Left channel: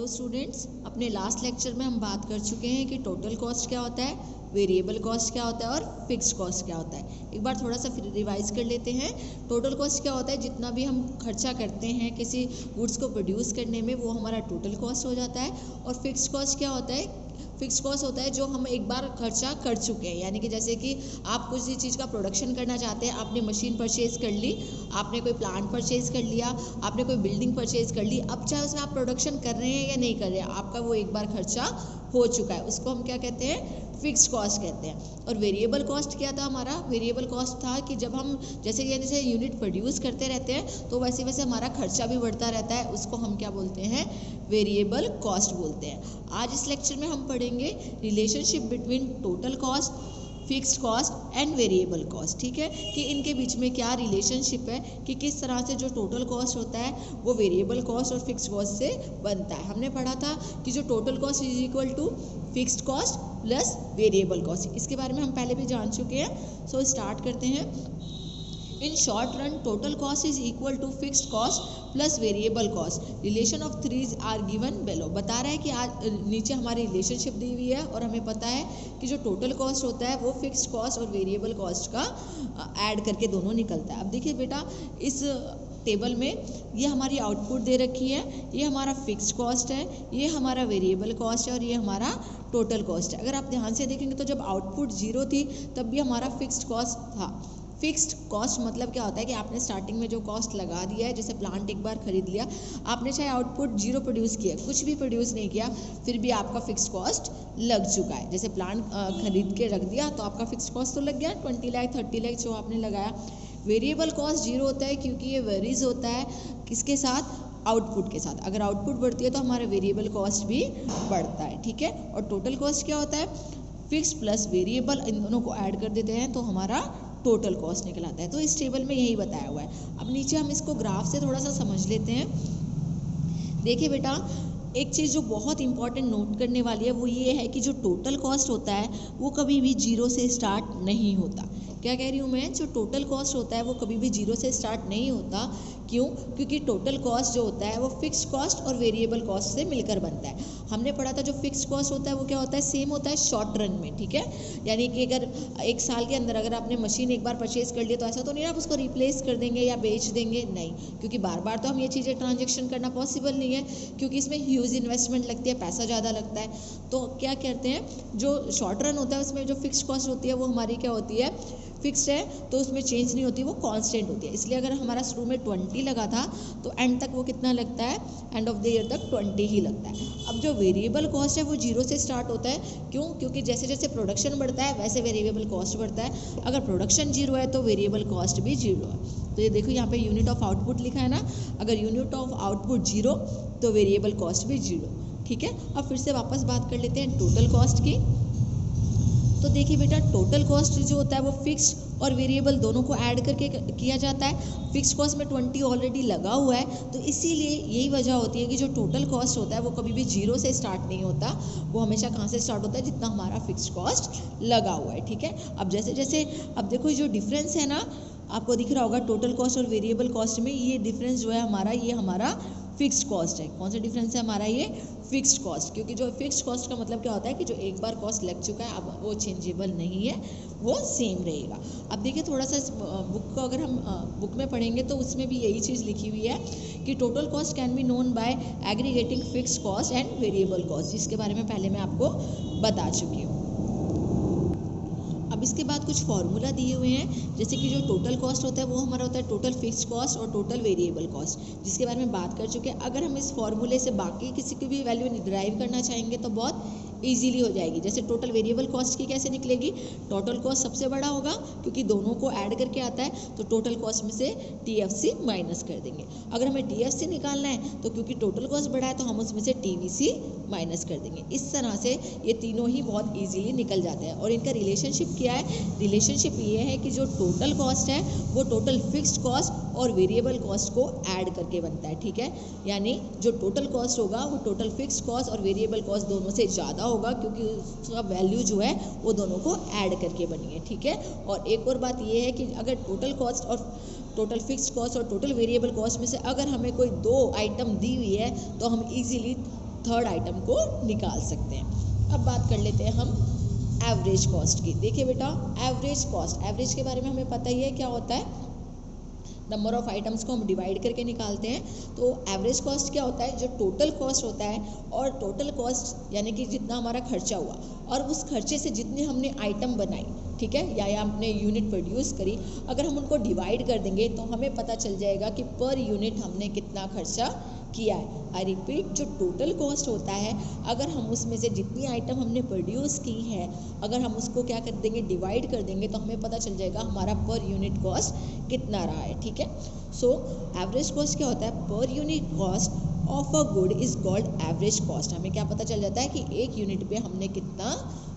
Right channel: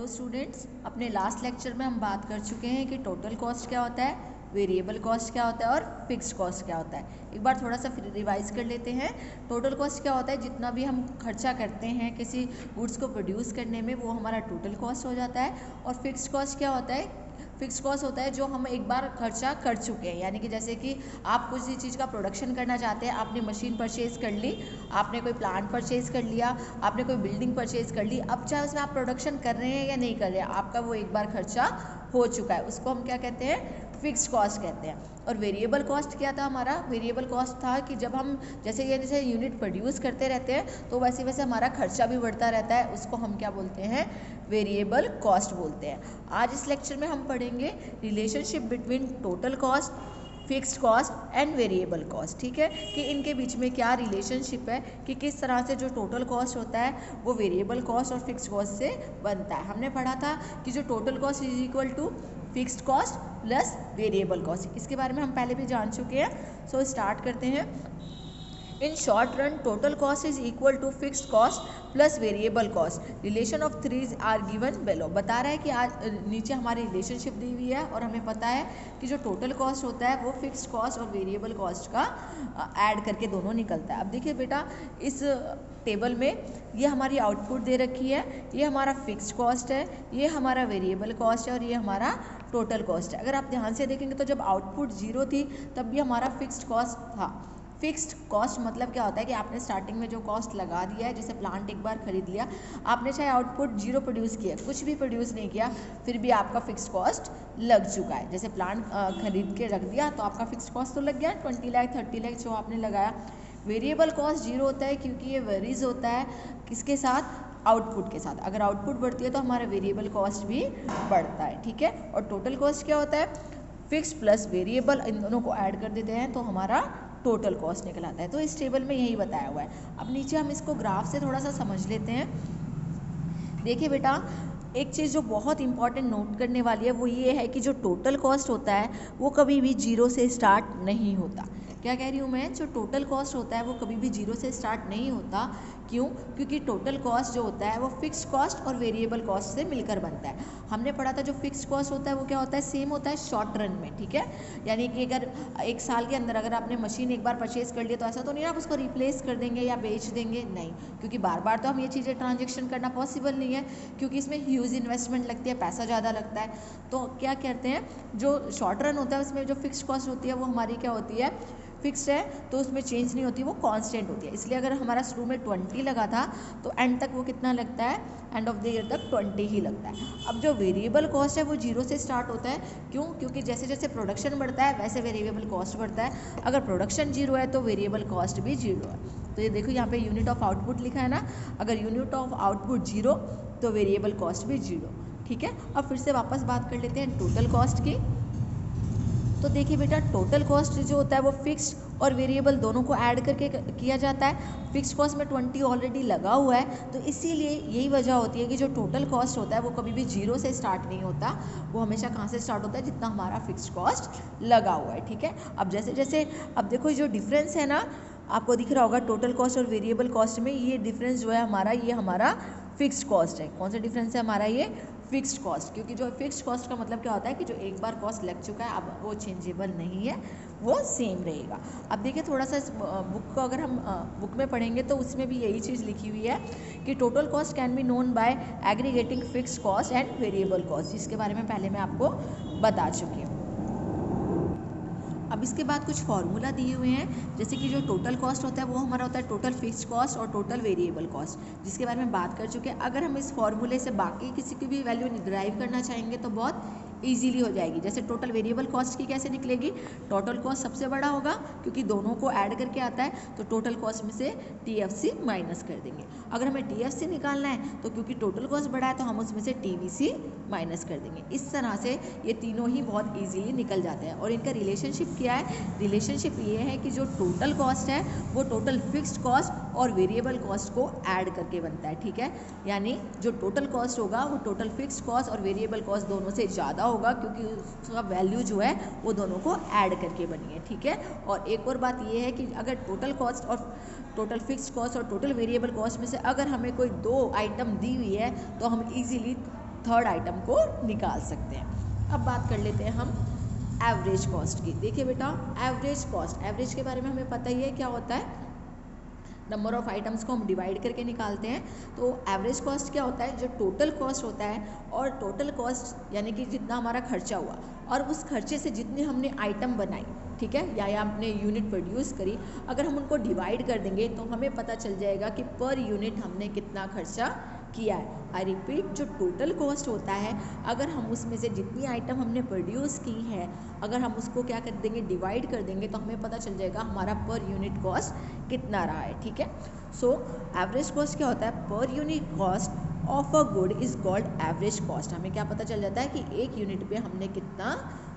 तो स्टूडेंट्स, अपने last lecture में हम बात कर चुके हैं कि टोटल कॉस्ट क्या होता है, वेरिएबल कॉस्ट क्या होता है और फिक्स्ड कॉस्ट क्या होता है। एक बार थोड़ा सा फिर रिवाइज कर लेते हैं। टोटल कॉस्ट क्या होता है, जितना भी हम खर्चा करते हैं किसी गुड्स को प्रोड्यूस करने में, वो हमारा टोटल कॉस्ट हो जाता है। और फिक्स्ड कॉस्ट क्या होता है, फिक्स कॉस्ट होता है जो हम एक बार खर्चा कर चुके हैं। यानी कि जैसे कि आप कुछ चीज़ का प्रोडक्शन करना चाहते हैं, आपने मशीन परचेज कर ली, आपने कोई प्लांट परचेज कर लिया, आपने कोई बिल्डिंग परचेज कर ली। अब चाहे उसमें आप प्रोडक्शन कर रहे हैं या नहीं कर रहे हैं, आपका वो एक बार खर्चा हो चुका है, उसको हम क्या कहते हैं, फिक्स कॉस्ट कहते हैं। और वेरिएबल कॉस्ट क्या था हमारा, वेरिएबल कॉस्ट था कि जब हम जैसे जैसे यूनिट प्रोड्यूस करते रहते हैं तो वैसे वैसे हमारा खर्चा भी बढ़ता रहता है, उसको हम क्या बोलते हैं, वेरिएबल कॉस्ट बोलते हैं। आज इस लेक्चर में हम पढ़ेंगे relationship between total cost, fixed cost and variable cost. ठीक है, कि इनके बीच में क्या रिलेशनशिप है, कि किस तरह से जो टोटल कॉस्ट होता है वो वेरिएबल कॉस्ट और फिक्स्ड कॉस्ट से बनता है। हमने पढ़ा था कि जो total cost is equal to fixed cost plus variable cost, इसके बारे में हम पहले भी जान चुके हैं। सो स्टार्ट करते हैं। In short run, total cost is equal to fixed cost plus variable cost. Relation of threes are given below. बता रहा है कि आज नीचे हमारी रिलेशनशिप दी हुई है और हमें पता है कि जो टोटल कॉस्ट होता है वो फिक्स्ड कॉस्ट और वेरिएबल कॉस्ट का ऐड करके दोनों निकलता है। अब देखिए बेटा, इस टेबल में ये हमारी आउटपुट दे रखी है, ये हमारा फिक्स्ड कॉस्ट है, ये हमारा वेरिएबल कॉस्ट है और ये हमारा टोटल कॉस्ट है। अगर आप ध्यान से देखेंगे तो जब आउटपुट 0 थी तब भी हमारा फिक्स्ड कॉस्ट था। फिक्स्ड कॉस्ट मतलब क्या होता है कि आपने स्टार्टिंग में जो कॉस्ट लगा दिया है, जैसे प्लांट एक बार खरीद लिया, आपने चाहे आउटपुट 0 प्रोड्यूस किया, कुछ भी प्रोड्यूस नहीं किया, फिर भी आपका फिक्स्ड कॉस्ट लग चुका है। जैसे प्लांट खरीद के रख दिया तो आपका फिक्स्ड कॉस्ट तो लग गया, 20 लाख 30 लाख जो आपने लगाया। वेरिएबल कॉस्ट 0 होता है क्योंकि ये वेरीज होता है किसके साथ, आउटपुट के साथ। अगर आउटपुट बढ़ती है तो हमारा वेरिएबल कॉस्ट भी बढ़ता है। ठीक है, और टोटल कॉस्ट क्या होता है, फिक्स प्लस वेरिएबल, इन दोनों को ऐड कर देते हैं तो हमारा टोटल कॉस्ट निकल आता है। तो इस टेबल में यही बताया हुआ है। अब नीचे हम इसको ग्राफ से थोड़ा सा समझ लेते हैं। देखिए बेटा, एक चीज़ जो बहुत इंपॉर्टेंट नोट करने वाली है वो ये है कि जो टोटल कॉस्ट होता है वो कभी भी 0 से स्टार्ट नहीं होता। क्या कह रही हूँ मैं, जो टोटल कॉस्ट होता है वो कभी भी 0 से स्टार्ट नहीं होता। क्यों, क्योंकि टोटल कॉस्ट जो होता है वो फिक्स्ड कॉस्ट और वेरिएबल कॉस्ट से मिलकर बनता है। हमने पढ़ा था जो फिक्स्ड कॉस्ट होता है वो क्या होता है, सेम होता है शॉर्ट रन में। ठीक है, यानी कि अगर एक साल के अंदर अगर आपने मशीन एक बार परचेज कर लिया तो ऐसा तो नहीं आप उसको रिप्लेस कर देंगे या बेच देंगे, नहीं, क्योंकि बार बार तो हम ये चीज़ें ट्रांजेक्शन करना पॉसिबल नहीं है, क्योंकि इसमें ह्यूज इन्वेस्टमेंट लगती है, पैसा ज़्यादा लगता है। तो क्या कहते हैं, जो शॉर्ट रन होता है उसमें जो फिक्स्ड कॉस्ट होती है वो हमारी क्या होती है, फिक्स है, तो उसमें चेंज नहीं होती, वो कांस्टेंट होती है। इसलिए अगर हमारा शुरू में 20 लगा था तो एंड तक वो कितना लगता है, एंड ऑफ द ईयर तक 20 ही लगता है। अब जो वेरिएबल कॉस्ट है वो 0 से स्टार्ट होता है। क्यों, क्योंकि जैसे जैसे प्रोडक्शन बढ़ता है वैसे वेरिएबल कॉस्ट बढ़ता है। अगर प्रोडक्शन 0 है तो वेरिएबल कॉस्ट भी 0 है। तो ये देखो यहाँ पे यूनिट ऑफ आउटपुट लिखा है ना, अगर यूनिट ऑफ आउटपुट 0 तो वेरिएबल कॉस्ट भी 0। ठीक है, अब फिर से वापस बात कर लेते हैं टोटल कॉस्ट की। तो देखिए बेटा, टोटल कॉस्ट जो होता है वो फिक्स्ड और वेरिएबल दोनों को ऐड करके किया जाता है। फिक्स्ड कॉस्ट में 20 ऑलरेडी लगा हुआ है, तो इसीलिए यही वजह होती है कि जो टोटल कॉस्ट होता है वो कभी भी 0 से स्टार्ट नहीं होता, वो हमेशा कहाँ से स्टार्ट होता है, जितना हमारा फिक्स्ड कॉस्ट लगा हुआ है। ठीक है, अब जैसे जैसे अब देखो जो डिफरेंस है ना, आपको दिख रहा होगा टोटल कॉस्ट और वेरिएबल कॉस्ट में, ये डिफरेंस जो है हमारा, ये हमारा फिक्स्ड कॉस्ट है। कौन सा डिफरेंस है हमारा, ये फिक्स्ड कॉस्ट। क्योंकि जो फिक्स्ड कॉस्ट का मतलब क्या होता है कि जो एक बार कॉस्ट लग चुका है अब वो चेंजेबल नहीं है, वो सेम रहेगा। अब देखिए थोड़ा सा बुक को अगर हम बुक में पढ़ेंगे तो उसमें भी यही चीज़ लिखी हुई है कि total cost can be known by aggregating fixed cost and variable cost, जिसके बारे में पहले मैं आपको बता चुकी हूँ। अब इसके बाद कुछ फॉर्मूला दिए हुए हैं, जैसे कि जो टोटल कॉस्ट होता है वो हमारा होता है टोटल फिक्स्ड कॉस्ट और टोटल वेरिएबल कॉस्ट, जिसके बारे में बात कर चुके हैं। अगर हम इस फॉर्मूले से बाकी किसी की भी वैल्यू डिराइव करना चाहेंगे तो बहुत इजीली हो जाएगी। जैसे टोटल वेरिएबल कॉस्ट की कैसे निकलेगी, टोटल कॉस्ट सबसे बड़ा होगा क्योंकि दोनों को ऐड करके आता है, तो टोटल कॉस्ट में से TFC माइनस कर देंगे। अगर हमें TFC निकालना है तो क्योंकि टोटल कॉस्ट बड़ा है तो हम उसमें से TVC माइनस कर देंगे। इस तरह से ये तीनों ही बहुत ईजीली निकल जाते हैं। और इनका रिलेशनशिप क्या है, रिलेशनशिप ये है कि जो टोटल कॉस्ट है वो टोटल फिक्स्ड कॉस्ट और वेरिएबल कॉस्ट को ऐड करके बनता है। ठीक है, यानी जो टोटल कॉस्ट होगा वो टोटल फिक्स्ड कॉस्ट और वेरिएबल कॉस्ट दोनों से ज़्यादा होगा, क्योंकि उसका वैल्यू जो है वो दोनों को ऐड करके बनी है। ठीक है, और एक और बात ये है कि अगर टोटल कॉस्ट और टोटल फिक्स्ड कॉस्ट और टोटल वेरिएबल कॉस्ट में से अगर हमें कोई दो आइटम दी हुई है तो हम इजीली थर्ड आइटम को निकाल सकते हैं। अब बात कर लेते हैं हम एवरेज कॉस्ट की। देखिए बेटा, एवरेज कॉस्ट, एवरेज के बारे में हमें पता ही है क्या होता है, नंबर ऑफ आइटम्स को हम डिवाइड करके निकालते हैं। तो एवरेज कॉस्ट क्या होता है, जो टोटल कॉस्ट होता है, और टोटल कॉस्ट यानी कि जितना हमारा खर्चा हुआ और उस खर्चे से जितनी हमने आइटम बनाई, ठीक है, या हमने यूनिट प्रोड्यूस करी, अगर हम उनको डिवाइड कर देंगे तो हमें पता चल जाएगा कि पर यूनिट हमने कितना खर्चा किया है। आई रिपीट, जो टोटल कॉस्ट होता है, अगर हम उसमें से जितनी आइटम हमने प्रोड्यूस की है, अगर हम उसको क्या कर देंगे, डिवाइड कर देंगे, तो हमें पता चल जाएगा हमारा पर यूनिट कॉस्ट कितना रहा है। ठीक है, सो एवरेज कॉस्ट क्या होता है, per unit cost of a good is called average cost. हमें क्या पता चल जाता है कि एक यूनिट पे हमने कितना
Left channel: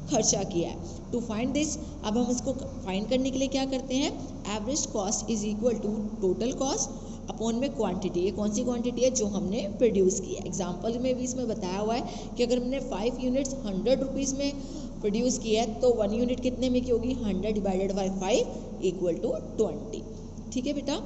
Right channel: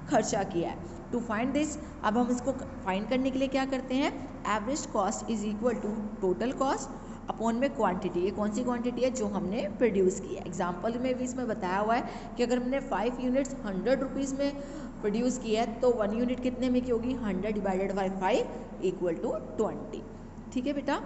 खर्चा किया है। टू फाइंड दिस, अब हम इसको फाइंड करने के लिए क्या करते हैं, average cost is equal to total cost upon में क्वांटिटी। ये कौन सी क्वांटिटी है, जो हमने प्रोड्यूस की है। एग्जाम्पल में भी इसमें बताया हुआ है कि अगर हमने 5 यूनिट्स 100 रुपीज़ में प्रोड्यूस की है तो 1 यूनिट कितने में की होगी, 100 डिवाइडेड बाई 5 इक्वल टू 20। ठीक है बेटा,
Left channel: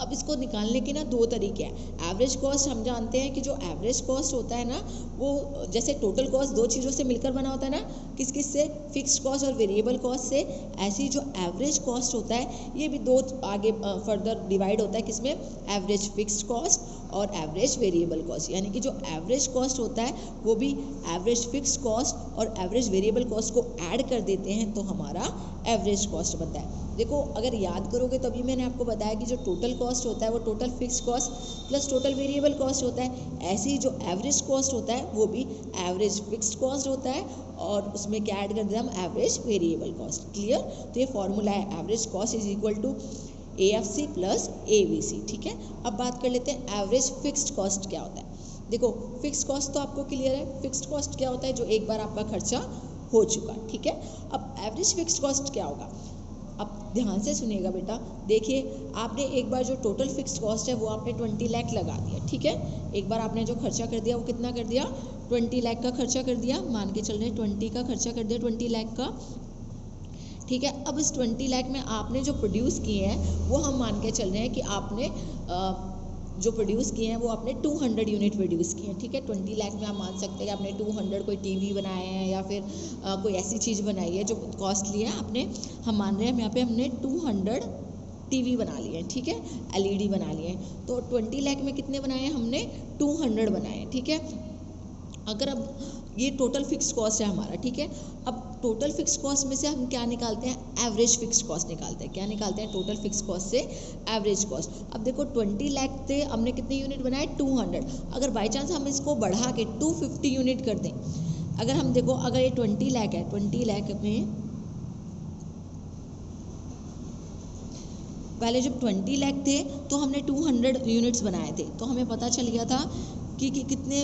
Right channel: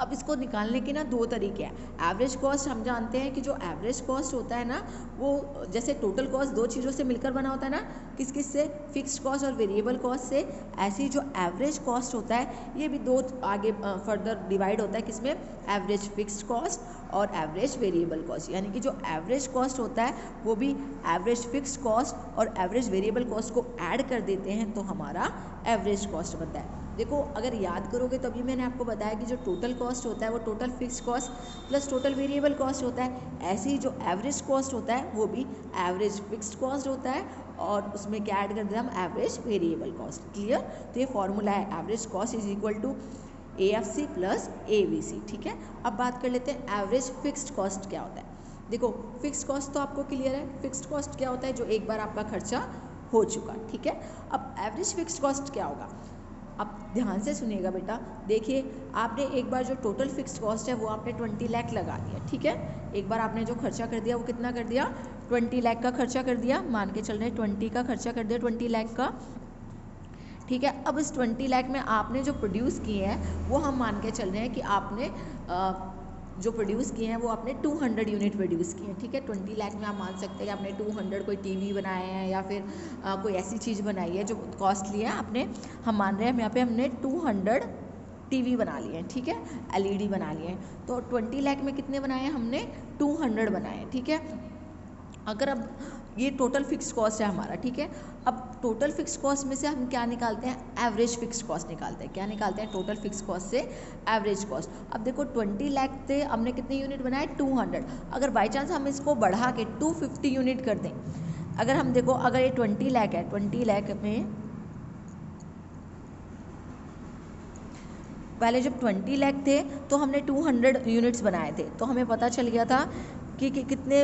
अब इसको निकालने के ना दो तरीके हैं। एवरेज कॉस्ट हम जानते हैं कि जो एवरेज कॉस्ट होता है ना, वो जैसे टोटल कॉस्ट दो चीज़ों से मिलकर बना होता है ना, किस किस से, फिक्स्ड कॉस्ट और वेरिएबल कॉस्ट से। ऐसे ही जो एवरेज कॉस्ट होता है, ये भी दो आगे फर्दर डिवाइड होता है, किसमें, एवरेज फिक्स्ड कॉस्ट और एवरेज वेरिएबल कॉस्ट। यानी कि जो एवरेज कॉस्ट होता है वो भी एवरेज फिक्स्ड कॉस्ट और एवरेज वेरिएबल कॉस्ट को ऐड कर देते हैं तो हमारा एवरेज कॉस्ट बनता है। देखो, अगर याद करोगे तो अभी मैंने आपको बताया कि जो टोटल कॉस्ट होता है वो total fixed cost plus total variable cost होता है। ऐसे ही जो एवरेज कॉस्ट होता है वो भी एवरेज फिक्स्ड कॉस्ट होता है और उसमें क्या ऐड कर देते हैं हम, एवरेज वेरिएबल कॉस्ट। क्लियर, तो ये फॉर्मूला है, average cost is equal to AFC plus ABC। ठीक है, अब बात कर लेते हैं एवरेज फिक्स्ड कॉस्ट क्या होता है। देखो, फिक्स्ड कॉस्ट तो आपको क्लियर है, फिक्स्ड कॉस्ट क्या होता है, जो एक बार आपका खर्चा हो चुका। ठीक है, अब एवरेज फिक्स्ड कॉस्ट क्या होगा, अब ध्यान से सुनिएगा बेटा। देखिए, आपने एक बार जो टोटल फिक्स्ड कॉस्ट है वो आपने 20 लाख लगा दिया। ठीक है, एक बार आपने जो खर्चा कर दिया वो कितना कर दिया, 20 लाख का खर्चा कर दिया, मान के चल रहे हैं 20 का खर्चा कर दिया, 20 लाख का। ठीक है, अब इस 20 लाख में आपने जो प्रोड्यूस किए हैं वो हम मान के चल रहे हैं कि आपने जो प्रोड्यूस किए हैं वो आपने 200 यूनिट प्रोड्यूस किए हैं। ठीक है, 20 लाख में आप मान सकते हैं कि आपने 200 कोई टीवी बनाए हैं या फिर कोई ऐसी चीज़ बनाई है जो कॉस्टली है। आपने, हम मान रहे हैं यहाँ पे हमने 200 टीवी बना लिए हैं। ठीक है, LED बना लिए हैं, तो 20 लाख में कितने बनाए हैं हमने, 200 बनाए हैं। ठीक है, अगर अब ये टोटल फिक्स कॉस्ट है हमारा। ठीक है, अब टोटल फिक्स कॉस्ट में से हम क्या निकालते हैं, एवरेज फिक्स कॉस्ट निकालते हैं। क्या निकालते हैं, टोटल फिक्स कॉस्ट से एवरेज कॉस्ट। अब देखो, 20 लाख थे, हमने कितने यूनिट बनाए, 200। अगर बाई चांस हम इसको बढ़ा के 250 यूनिट कर दें, अगर हम देखो, अगर ये 20 लाख है, 20 लाख में पहले जब 20 लाख थे तो हमने 200 यूनिट्स बनाए थे, तो हमें पता चल गया था कि कितने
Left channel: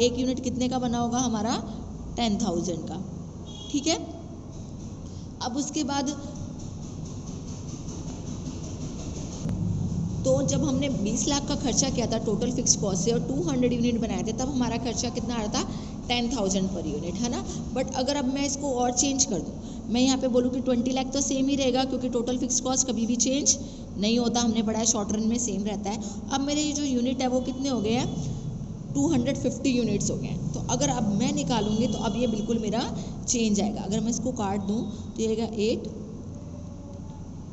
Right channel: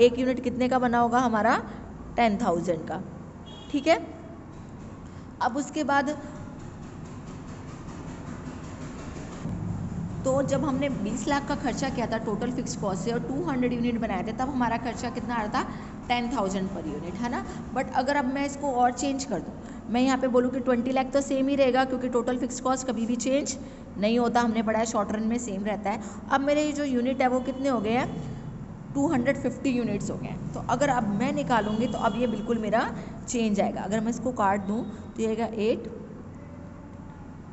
एक यूनिट कितने का बना होगा हमारा, 10,000 का। ठीक है, अब उसके बाद तो जब हमने 20 लाख का खर्चा किया था टोटल फिक्स कॉस्ट से और 200 यूनिट बनाए थे, तब हमारा खर्चा कितना आ रहा था, 10,000 पर यूनिट, है ना। बट अगर अब मैं इसको और चेंज कर दूँ, मैं यहाँ पे बोलूँ कि 20 लाख तो सेम ही रहेगा, क्योंकि टोटल फिक्स कॉस्ट कभी भी चेंज नहीं होता, हमने पढ़ा है शॉर्ट रन में सेम रहता है। अब मेरे जो यूनिट है वो कितने हो गए हैं, 250 यूनिट्स हो गए हैं। तो अगर अब मैं निकालूंगी तो अब ये बिल्कुल मेरा चेंज आएगा। अगर मैं इसको काट दूँ तो ये आएगा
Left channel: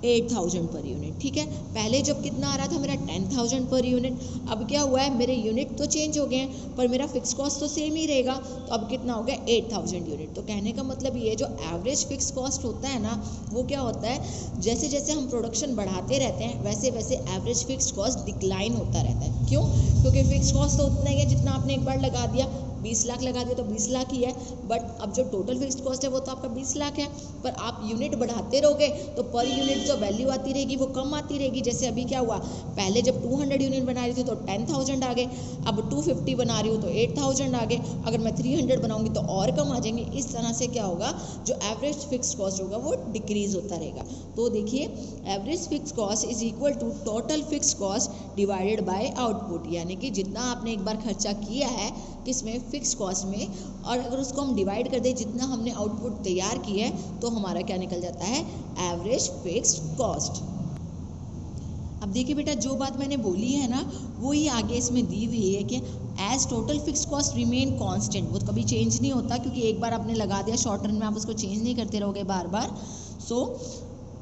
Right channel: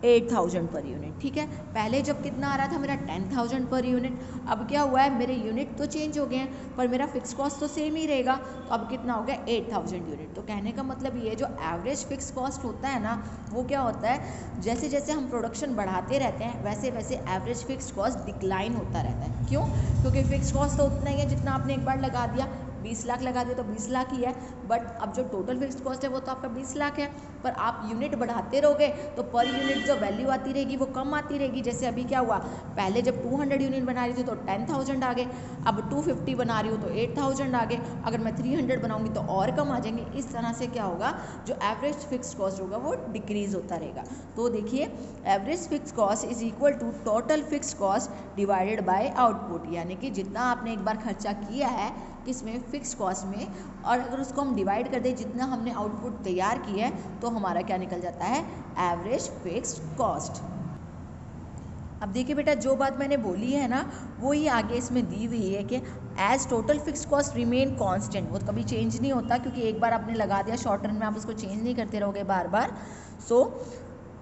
8,000 पर यूनिट। ठीक है, पहले जब कितना आ रहा था मेरा, 10,000 पर यूनिट। अब क्या हुआ है, मेरे यूनिट तो चेंज हो गए हैं पर मेरा फिक्स कॉस्ट तो सेम ही रहेगा, तो अब कितना हो गया, 8,000 यूनिट। तो कहने का मतलब ये जो एवरेज फिक्स कॉस्ट होता है ना, वो क्या होता है, जैसे जैसे हम प्रोडक्शन बढ़ाते रहते हैं वैसे वैसे एवरेज फिक्स कॉस्ट डिक्लाइन होता रहता है। क्यों, क्योंकि फिक्स कॉस्ट तो उतना ही है जितना आपने एक बार लगा दिया, 20 लाख लगा दिया तो 20 लाख ही है। बट अब जो टोटल फिक्स्ड कॉस्ट है वो तो आपका 20 लाख है, पर आप यूनिट बढ़ाते रहोगे तो पर यूनिट जो वैल्यू आती रहेगी वो कम आती रहेगी। जैसे अभी क्या हुआ, पहले जब 200 यूनिट बना रही थी तो 10,000 आ गए, अब 250 बना रही हूँ तो 8,000 आ गए, अगर मैं 300 बनाऊंगी तो और कम आ जाएंगे। इस तरह से क्या होगा, जो एवरेज फिक्स्ड कॉस्ट होगा वो डिक्रीज होता रहेगा। तो देखिए, average fixed cost is equal to total fixed cost divided by output, यानी कि जितना आपने एक बार खर्चा किया है किसमें, फिक्स कॉस्ट में, और अगर उसको हम डिवाइड कर दें जितना हमने आउटपुट तैयार किया है तो हमारा क्या निकल जाता है, एवरेज फिक्स्ड कॉस्ट। अब देखिए बेटा, जो बात मैंने बोली है ना वो ही आगे इसमें दी हुई है कि as total fix cost remain constant, वो कभी चेंज नहीं होता, क्योंकि एक बार आपने लगा दिया शॉर्ट रन में आप उसको चेंज नहीं करते रहोगे बार बार। So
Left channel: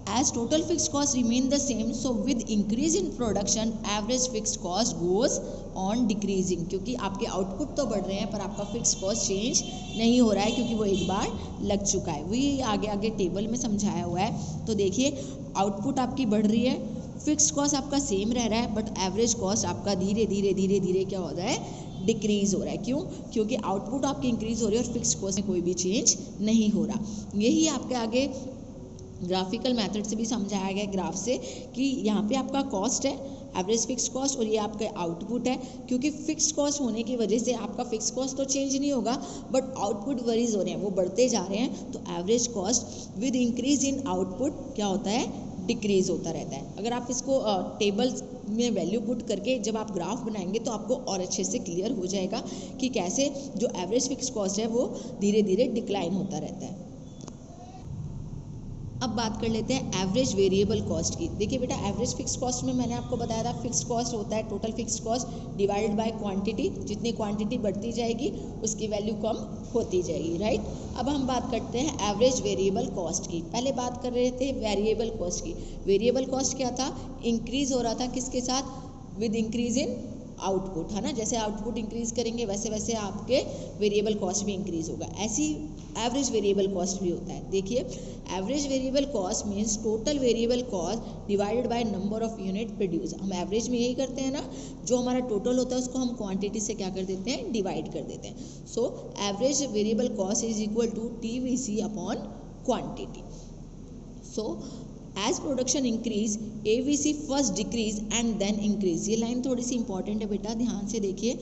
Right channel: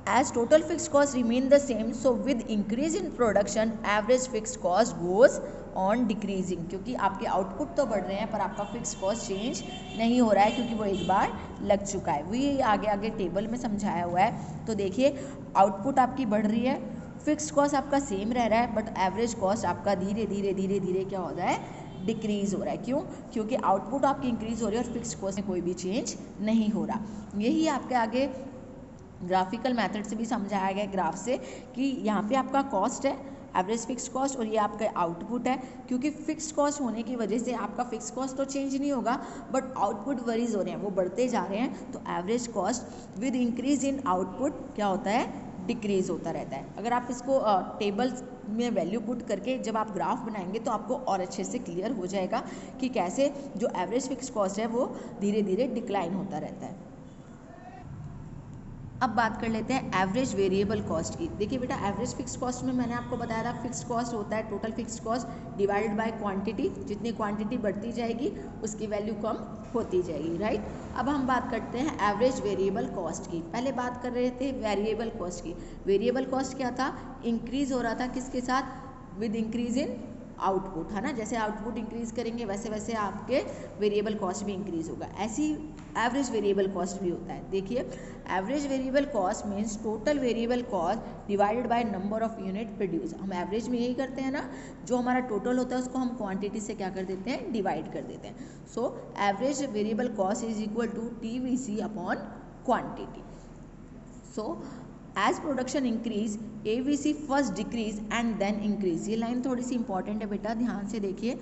as total fix cost remain the same, so with increase in production average fixed cost goes on decreasing, क्योंकि आपके आउटपुट तो बढ़ रहे हैं पर आपका फिक्स कॉस्ट चेंज नहीं हो रहा है, क्योंकि वो एक बार लग चुका है। वही आगे आगे टेबल में समझाया हुआ है। तो देखिए, आउटपुट आपकी बढ़ रही है, फिक्स कॉस्ट आपका सेम रह रहा है, बट एवरेज कॉस्ट आपका धीरे धीरे धीरे धीरे क्या हो रहा है, डिक्रीज हो रहा है। क्यों? क्योंकि आउटपुट आपकी इंक्रीज हो रही है और फिक्स कॉस्ट में कोई भी चेंज नहीं हो रहा। यही आपके आगे ग्राफिकल मेथड से भी समझाया गया ग्राफ से कि यहाँ पे आपका कॉस्ट है एवरेज फिक्स कॉस्ट और ये आपका आउटपुट है। क्योंकि फिक्स कॉस्ट होने की वजह से आपका फिक्स कॉस्ट तो चेंज नहीं होगा, बट आउटपुट वरीज हो रहे हैं, वो बढ़ते जा रहे हैं। तो average cost with increase in output क्या होता है, डिक्रीज होता रहता है। अगर आप इसको टेबल्स में वैल्यू पुट करके जब आप ग्राफ बनाएंगे तो आपको और अच्छे से क्लियर हो जाएगा कि कैसे जो एवरेज फिक्स कॉस्ट है वो धीरे धीरे डिक्लाइन होता रहता है। अब बात कर लेते हैं एवरेज वेरिएबल कॉस्ट की। देखिए बेटा, एवरेज फिक्स कॉस्ट में मैंने आपको बताया था फिक्स कॉस्ट होता है total fix cost divided by quantity. जितनी क्वांटिटी बढ़ती जाएगी उसकी वैल्यू कम होती जाएगी, राइट। अब हम बात करते हैं एवरेज वेरिएबल कॉस्ट की। पहले बात कर रहे थे वेरिएबल कॉस्ट की। वेरिएबल कॉस्ट क्या था, इंक्रीज हो रहा था किसके साथ, विद इंक्रीज इन आउटपुट, है ना। जैसे आउटपुट इंक्रीज करेंगे वैसे वैसे आपके वेरिएबल कॉस्ट भी इंक्रीज होगा। ऐसी एवरेज वेरिएबल कॉस्ट भी होता है। देखिए, average variable cost means total variable cost divided by number of unit produce. हम एवरेज में यही करते हैं ना, जो हमारा टोटल होता है उसको हम क्वांटिटी से क्या कर देते हैं, डिवाइड कर देते हैं। So average variable cost is equal to TVC upon quantity. So as production increase AVC first decrease and then increase. ये लाइन थोड़ी सी इंपॉर्टेंट है बेटा, ध्यान से देखिए।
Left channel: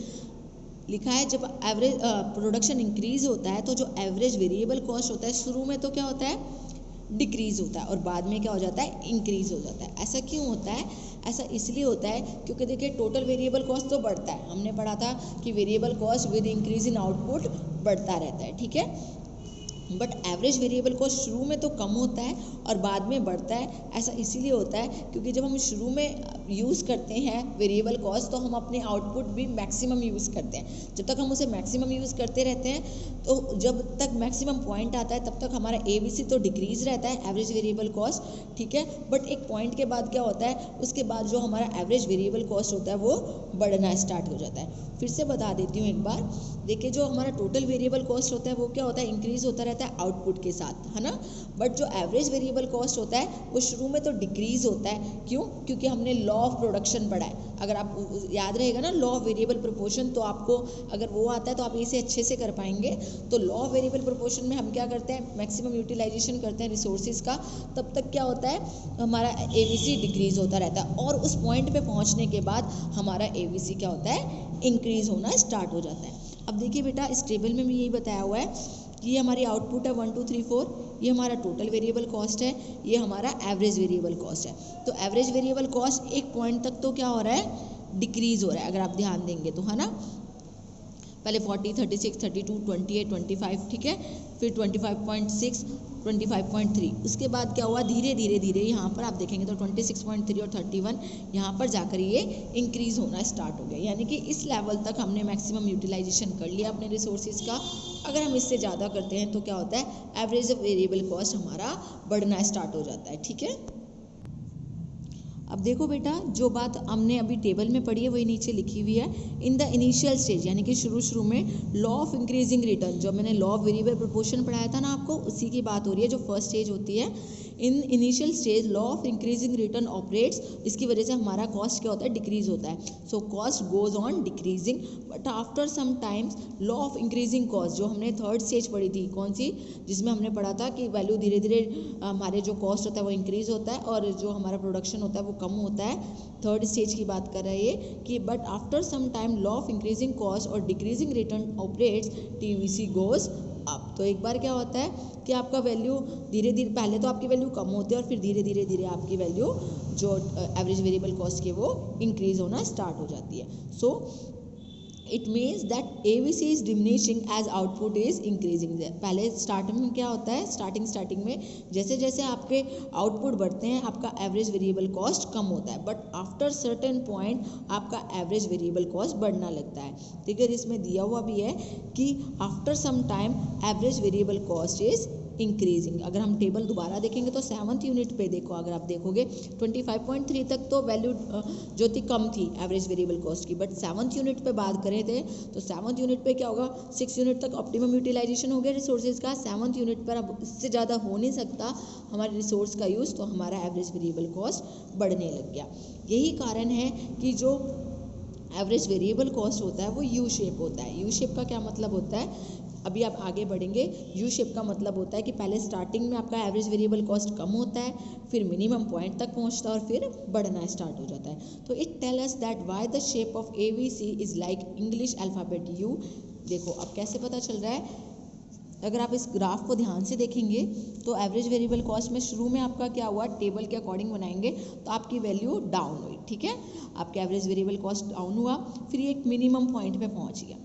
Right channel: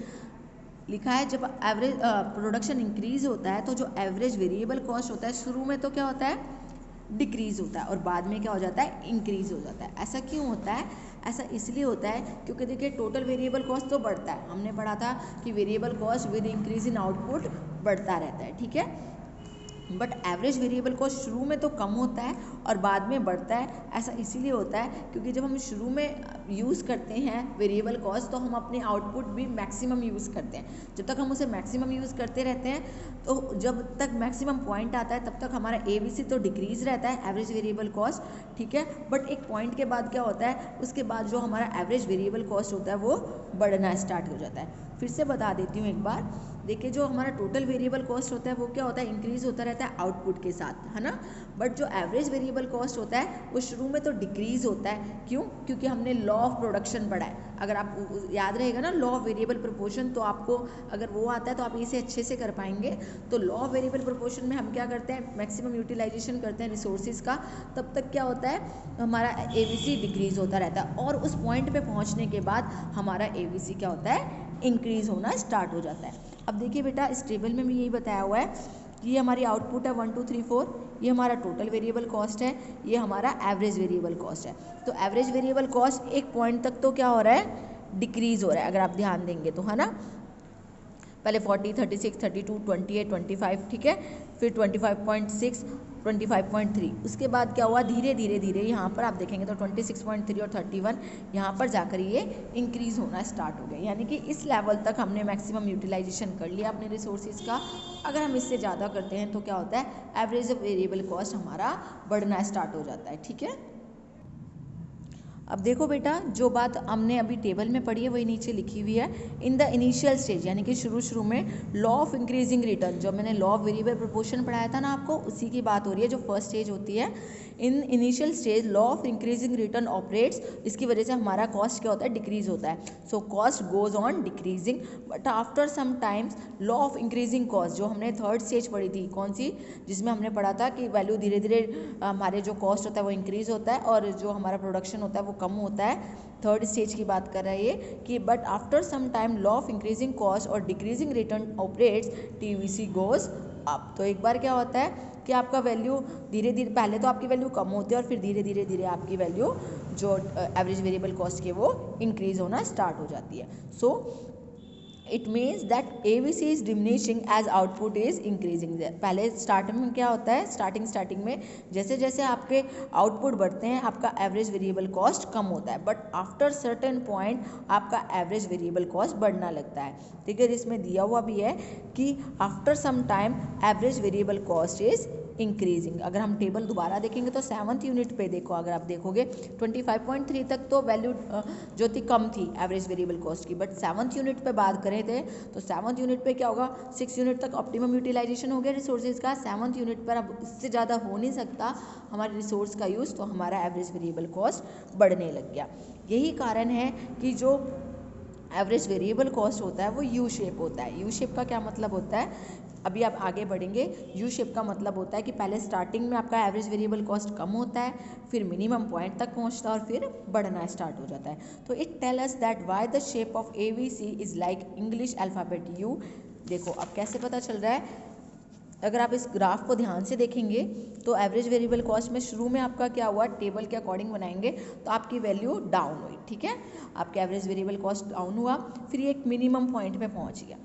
लिखा है जब एवरेज प्रोडक्शन इंक्रीज होता है तो जो एवरेज वेरिएबल कॉस्ट होता है शुरू में तो क्या होता है, डिक्रीज होता है और बाद में क्या हो जाता है, इंक्रीज हो जाता है। ऐसा क्यों होता है, ऐसा इसलिए होता है क्योंकि देखिए टोटल वेरिएबल कॉस्ट तो बढ़ता है। हमने पढ़ा था कि variable cost with increase in output बढ़ता रहता है, ठीक है। बट एवरेज वेरिएबल कॉस्ट शुरू में तो कम होता है और बाद में बढ़ता है। ऐसा इसीलिए होता है क्योंकि जब हम शुरू में यूज़ करते हैं वेरिएबल कॉस्ट तो हम अपने आउटपुट भी मैक्सिमम यूज़ करते हैं। जब तक हम उसे मैक्सिमम यूज़ करते रहते हैं तो जब तक मैक्सिमम पॉइंट आता है तब तक हमारा AVC तो डिक्रीज रहता है, एवरेज वेरिएबल कॉस्ट, ठीक है। बट एक पॉइंट के बाद क्या होता है, उसके बाद जो हमारा एवरेज वेरिएबल कॉस्ट होता है वो बढ़ना स्टार्ट हो जाता है। फिर से बता देती हूँ एक बार, देखिए जो हमारा टोटल वेरिएबल कॉस्ट होता है वो क्या होता है, इंक्रीज होता रहता है आउटपुट के साथ, है ना। बट जो एवरेज वेरिएबल कॉस्ट होता है वो शुरू में तो डिक्रीज होता है। क्यों? क्योंकि हमने लॉ ऑफ प्रोडक्शन पढ़ा है। अगर आप याद रहेगा ना लॉ ऑफ वेरिएबल प्रोपोर्शन, तो आपको अगर वो आता है तो आप इसे अच्छे से कर पाएंगे। तो लॉ ऑफ वेरिएबल प्रोपोर्शन में हम क्या करते हैं, मैक्सिमम यूटिलाइजेशन करते हैं रिसोर्सेज का। तब तक क्या होता है, हमारा AVC डिक्रीज होता रहता है और उस पॉइंट पे पहुंचने के बाद हमारा AVC क्या होता है, इंक्रीज होना स्टार्ट हो जाता है। अब देखिए बेटा, इस टेबल में भी यही बताया हुआ है कि ये हमारी आउटपुट है 1 2 3 4, ये हमारा टोटल वेरिएबल कॉस्ट है, ये हमारा एवरेज वेरिएबल कॉस्ट है। तो एवरेज वेरिएबल कॉस्ट एक पॉइंट तक तो क्या हो रहा है, डिक्रीज हो रहा है। अगर आप ध्यान देंगे तो, है ना। पहले 40, 36, 32, 28, 25, ठीक है, फिर 25.6, 25.3, उसके बाद क्या हुआ, धीरे धीरे धीरे यहाँ पर आप देखेंगे तो 26.3 और 31 यहाँ पर जाकर ये इंक्रीज होना स्टार्ट हो गया। यानी कि इस लेवल तक हमने मैक्सिमम यूटिलाइजेशन कर लिया अपने रिसोर्सेज का। अगर हम इससे ज़्यादा करते हैं तो क्या होता है, एवरेज वेरिएबल कॉस्ट हमारा बढ़ना स्टार्ट हो जाता है, ठीक है। अब देखो बेटा, जो बात हमने अभी टेबल में पढ़ी है वही नीचे लिखी हुई है। इन द इनिशियल स्टेज, यानी कि शुरू में लॉ ऑफ इंक्रीजिंग रिटर्न, जो मैंने लॉ ऑफ वेरिएबल प्रोपोर्शन पढ़ाया था ना आपको, उसी की बात हो रही है, जो फर्स्ट स्टेज होती है। In initial stage law of increasing return operates, इसकी वजह से हमारा कॉस्ट क्या होता है, डिक्रीज होता है। So cost goes on decreasing, but after some times law of increasing cost, जो हमने थर्ड स्टेज पढ़ी थी, कौन सी, जिसमें हमने पढ़ा था कि वैल्यू धीरे धीरे हमारे जो कॉस्ट होता है वो इंक्रीज होता है और जो हमारा प्रोडक्शन होता है वो कम होता है। थर्ड स्टेज की बात कर रहा है ये कि but after some time law of increasing cost और decreasing return operates, TVC goes up. तो एक बार क्या होता है कि आपका वैल्यू धीरे धीरे, पहले तो आपकी वैल्यू कम होती है और फिर धीरे धीरे धीरे आपकी वैल्यू जो एवरेज वेरिएबल कॉस्ट की वो इंक्रीज होना स्टार्ट हो जाती है। So it means that ABC is diminishing as output is increasing. पहले स्टार्टिंग में क्या होता है, स्टार्टिंग में जैसे जैसे आपके आउटपुट बढ़ते हैं आपका एवरेज वेरिएबल कॉस्ट कम होता है, बट आफ्टर सर्टेन पॉइंट आपका एवरेज वेरिएबल कॉस्ट बढ़ना लगता है। ठीक है, इसमें दिया हुआ भी है कि after some time average variable cost is increasing. अगर हम टेबल दोबारा देखेंगे तो 7th यूनिट पे देखो, अगर आप देखोगे 25.3 तक तो वैल्यू जो थी कम थी एवरेज वेरिएबल कॉस्ट की, बट 7th यूनिट पे बात करें थे तो 7th यूनिट पे क्या होगा, 6 यूनिट तक ऑप्टिमम यूटिलाइजेशन हो गया रिसोर्सेज का। 7th यूनिट पर अब इससे ज़्यादा हो नहीं सकता हमारे रिसोर्स का यूज़, तो हमारा एवरेज वेरिएबल कॉस्ट बढ़ने लग गया। यही कारण है कि जो एवरेज वेरिएबल कॉस्ट होता है वो यू शेप होता है। यू शेप का क्या मतलब होता है, अभी आप आगे बढ़ेंगे। यू शेप का मतलब होता है कि पहले स्टार्टिंग में आपका एवरेज वेरिएबल कॉस्ट कम होता है, फिर मिनिमम पॉइंट तक पहुंचता है और फिर बढ़ना स्टार्ट हो जाता है। तो it tell us that why the shape of ABC is like English alphabet U. देखो अब कैसे पता चल रहा है, अगर आप इस ग्राफ को ध्यान से देखेंगे तो एवरेज वेरिएबल कॉस्ट में शुरू में आपका क्या हुआ, टेबल के अकॉर्डिंग बनाएंगे तो आपकी वैल्यू डाउन हुई। ठीक है, आपका एवरेज वेरिएबल कॉस्ट डाउन हुआ, फिर ये एक मिनिमम पॉइंट पे पहुंच गया।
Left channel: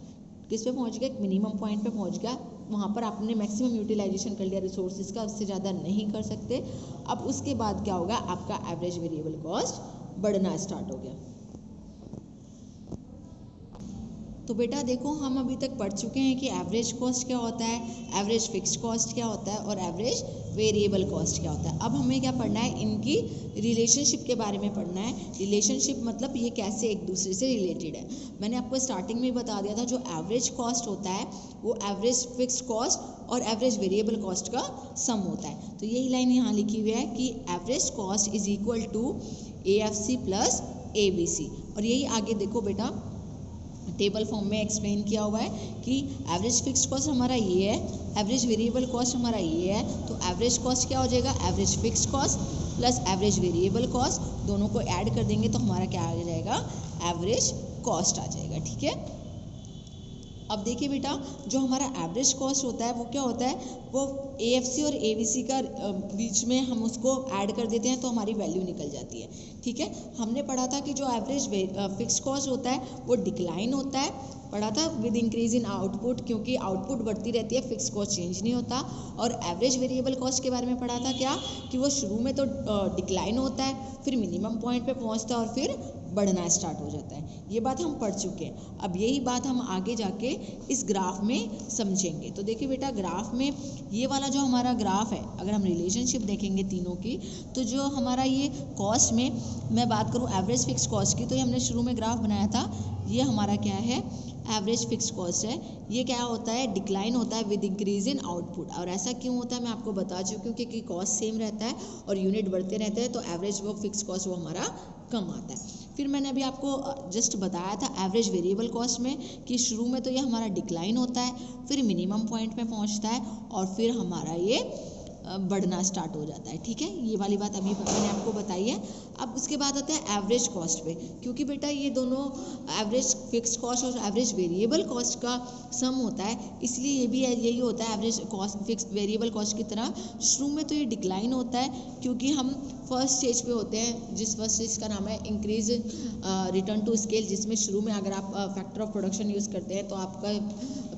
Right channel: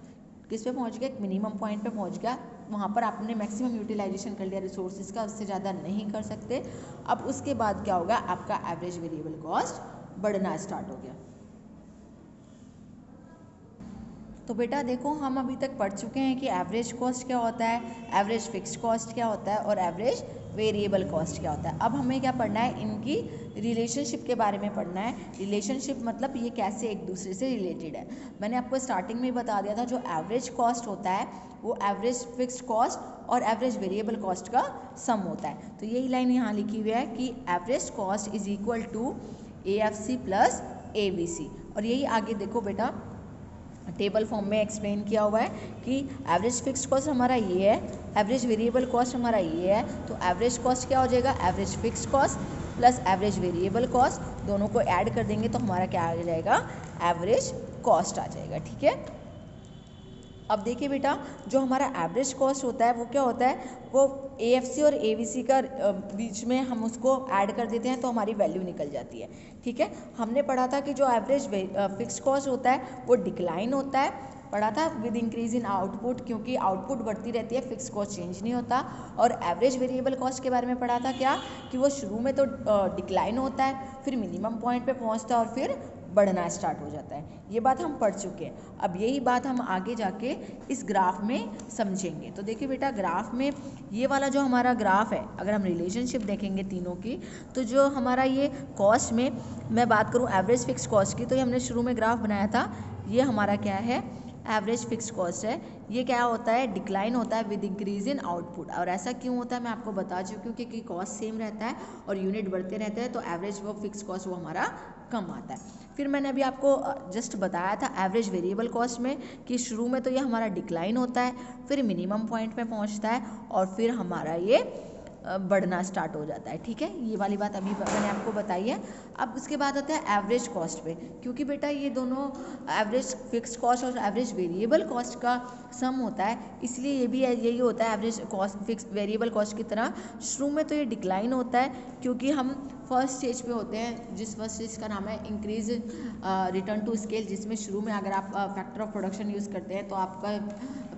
किस पे पहुंच गया, एक मिनिमम पॉइंट पे पहुंच गया। वहाँ पर आपने मैक्सिमम यूटिलाइजेशन कर लिया रिसोर्सेज का, उससे ज़्यादा नहीं कर सकते। अब उसके बाद क्या होगा, आपका एवरेज वेरिएबल कॉस्ट बढ़ना स्टार्ट हो गया। तो बेटा देखो हम अभी तक पढ़ चुके हैं कि एवरेज कॉस्ट क्या होता है, एवरेज फिक्स्ड कॉस्ट क्या होता है और एवरेज वेरिएबल कॉस्ट क्या होता है। अब हमें क्या पढ़ना है, इनकी रिलेशनशिप के बारे में पढ़ना है। रिलेशनशिप मतलब ये कैसे एक दूसरे से रिलेटेड है। मैंने आपको स्टार्टिंग में बता दिया था, जो एवरेज कॉस्ट होता है वो एवरेज फिक्स्ड कॉस्ट और एवरेज वेरिएबल कॉस्ट का सम होता है। तो यही लाइन यहाँ लिखी हुई है कि average cost is equal to AFC plus ABC। और यही आगे देखो बेटा टेबल फॉर्म में एक्सप्लेन किया हुआ है कि एवरेज फिक्स्ड कॉस्ट हमारा ये है, एवरेज वेरिएबल कॉस्ट हमारा ये है। तो एवरेज कॉस्ट क्या हो जाएगा, average fixed cost plus average variable cost, दोनों को ऐड कर देंगे तो हमारा क्या आ जाएगा, एवरेज कॉस्ट आ जाएगा। ठीक है, अब देखिए बेटा जो हमारा एवरेज कॉस्ट होता है वो क्या होता है, वो AFC और ABC का बीच में हम उसको ऐड कर देते हैं तो हमारी वैल्यू निकल जाती है। ठीक है, हमने पढ़ा था कि जो एवरेज फिक्स्ड कॉस्ट होता है वो डिक्लाइन होता है, पढ़ा था विद इंक्रीज इन आउटपुट, क्योंकि आउटपुट बढ़ती रहती है, फिक्स कॉस्ट चेंज नहीं होता। और एवरेज वेरिएबल कॉस्ट के बारे में पढ़ा था क्या, कि वो शुरू में तो डिक्लाइन होता है, फिर मिनिमम पॉइंट पे पहुंचता है और फिर बढ़ना स्टार्ट हो जाता है। ये बात हम पढ़ चुके हैं। अब यही बात हम आगे जाके इस ग्राफ में समझेंगे। तो देखिए बेटा ग्राफ में ये वाला जो हमारा ग्राफ है, अगर हम रिलेशनशिप देखेंगे तीनों की, तो जो हमारा ये कॉस्ट में मैं बात करूँ एवरेज फिक्स कॉस्ट की, तो ये हमने शुरू में ग्राफ बनाया था, ये हमारा क्या है, एवरेज फिक्स कॉस्ट है। ये क्या होता है, डिक्लाइन होता है विद इंक्रीज इन आउटपुट। और ऐसा क्यों होता है मैं आपको बता चुकी हूँ, क्योंकि कॉस्ट सेम रहता है और यूनिट बढ़ते रहते हैं, तो एवरेज वो फिक्स कॉस्ट वो हमारा कम आता है। फिर मैंने अभी आपको जस्ट बताया था एवरेज वेरिएबल कॉस्ट में कि शुरू में तो ये हमारा डिक्लाइन होता है, फिर मिनिमम पॉइंट पे पहुंचता है और फिर हमारा ये बढ़ना स्टार्ट हो जाता है। ठीक है, ये वाली बात अभी मैंने आपको बताई है। अब उसके बाद आता है एवरेज कॉस्ट पे, क्योंकि बेटा ये दोनों एवरेज फिक्स्ड कॉस्ट और एवरेज वेरिएबल कॉस्ट का सम होता है, इसलिए ये भी यही होता है average cost fix variable cost की तरह। शुरू में तो ये डिक्लाइन होता है क्योंकि हम फर्स्ट स्टेज पे होते हैं, जिस फर्स्ट स्टेज का नाम है इंक्रीज रिटर्न टू स्केल, जिसमें शुरू में अगर आप फैक्टर ऑफ प्रोडक्शन यूज़ करते हैं तो आपका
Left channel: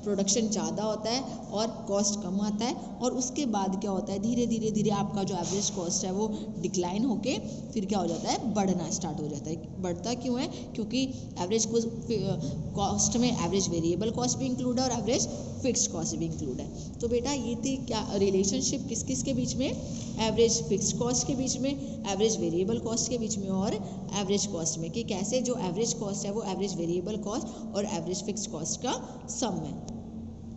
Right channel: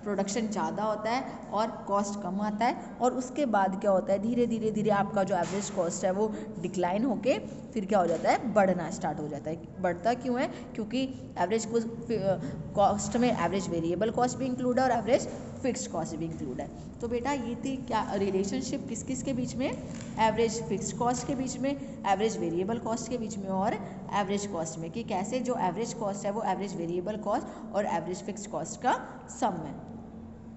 प्रोडक्शन ज़्यादा होता है और कॉस्ट कम आता है। और उसके बाद क्या होता है, धीरे धीरे आपका जो एवरेज कॉस्ट है वो डिक्लाइन होके फिर क्या हो जाता है, बढ़ना स्टार्ट हो जाता है। बढ़ता क्यों है, क्योंकि एवरेज कॉस्ट में एवरेज वेरिएबल कॉस्ट भी इंक्लूड है और एवरेज फिक्स्ड कॉस्ट भी इंक्लूड है। तो बेटा ये थी क्या रिलेशनशिप किस किस के बीच में, एवरेज फिक्स्ड कॉस्ट के बीच में, एवरेज वेरिएबल कॉस्ट के बीच में और एवरेज कॉस्ट में, कि कैसे जो एवरेज कॉस्ट है वो एवरेज वेरिएबल कॉस्ट और एवरेज फिक्स्ड कॉस्ट का सम है।